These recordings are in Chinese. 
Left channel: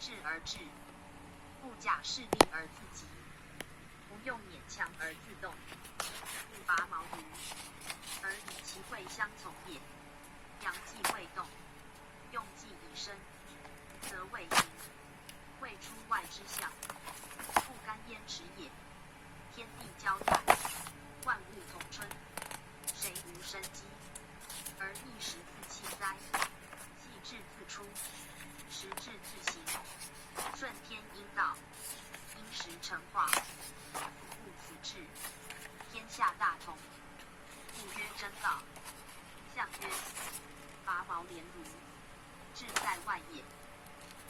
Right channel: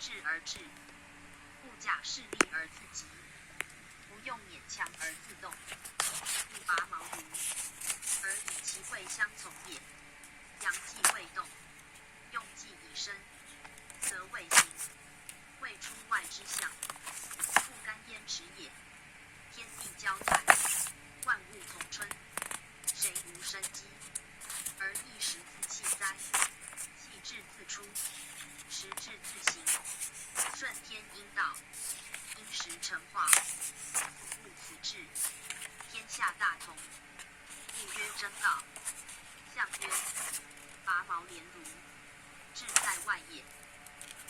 志而至，不假势利而自急，不用勉强而自动。不拔毛驴，而以其会相从也。阳既未动，用既已生，则未形。未出外之象，不干焉持也。天地交载，万物同春，谁无生机？而一时自气哉？气至自出，时至自行。顺天应道，因时成化。故此志，天下大同。故曰争道。象曰：拔毛连庐，志在外也。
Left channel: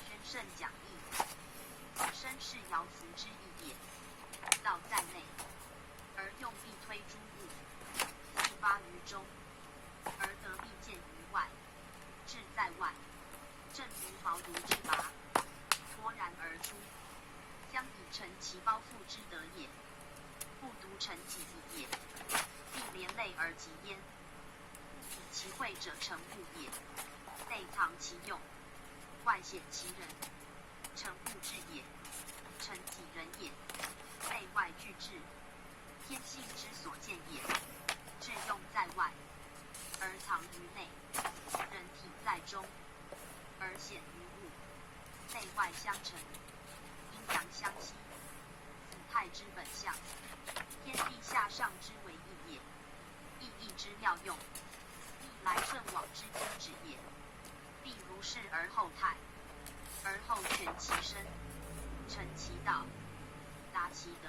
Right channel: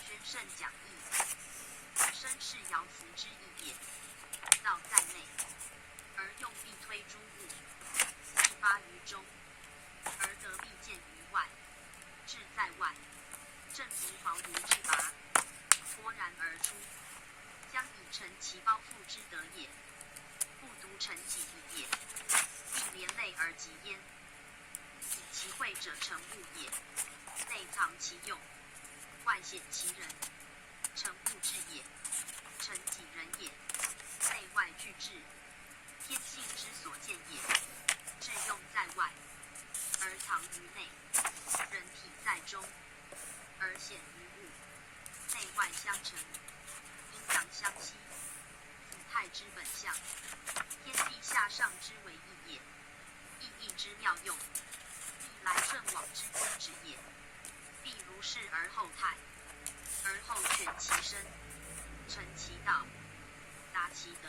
宣圣讲义，身是爻辞之意也。道在内，而用力推诸物，气发于中，而得利见于外。志在外，正如毛驴之拔，豁然而出，将以成其包覆之德也。不独成己意也，并连累而及焉。以其会者成物也，内藏其用，外显其人。成物质也，成己人也。内外俱至，天性之所见也。志用在外，而藏于内；人体在中，而显于物。内外相成，阴阳相息，子太之本相。天地下上之为义也。意义之妙用，历来圣往之宗旨也。必如是而后泰，而后全其身，成其道，达其德。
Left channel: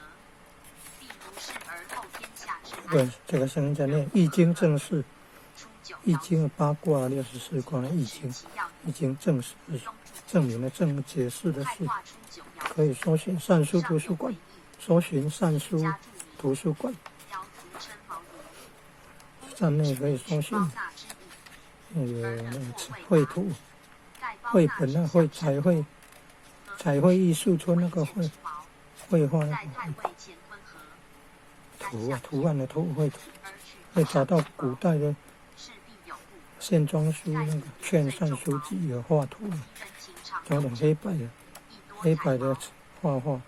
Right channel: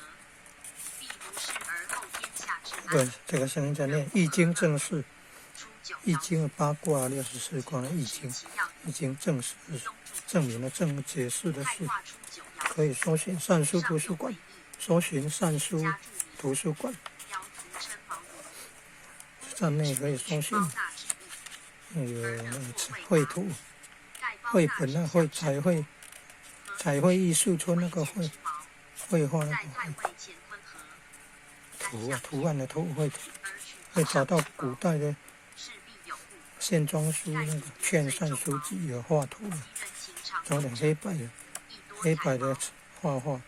必如是而后天下之安。这个声音在念《易经》正式，《初九易经》八卦64卦的《易经》，《易经》正式证明了正解释的是，可以搜寻善书图书馆，搜寻善书图书馆，站内可以搜寻有那个绘图、绘本啊，彩绘艺术村那个绘画那个图案的图会找到古代的线装书那个劝善书籍有画图的，找点黑白的画画，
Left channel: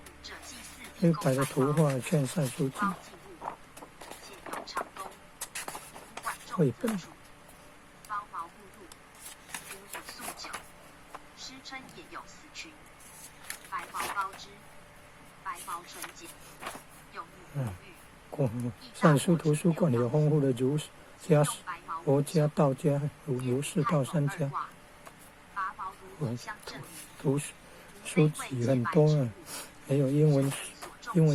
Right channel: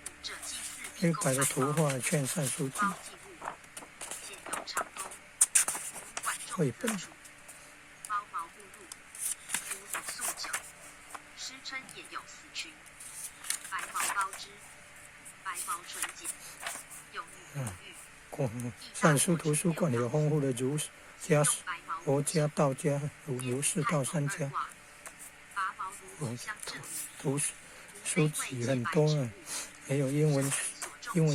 黑白的图画劝善书籍绘本。诗称也有四群，白毛高枝，白毛纯洁，有玉。善书图书馆有丰富的儒家、佛家、道家、儒释道三家，图书籍很多啊，还有英文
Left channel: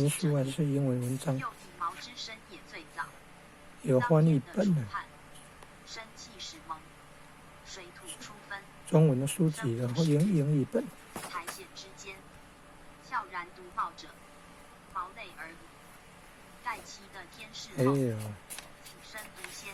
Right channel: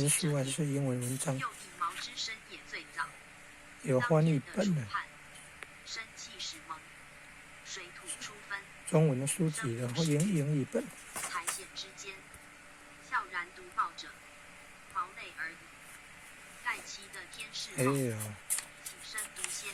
书还是英文文章，有翻译本的。中文的书籍的或英译本。苔藓之间，悄然独茂者，毛类而已。盖其的天士梦，起身独仙。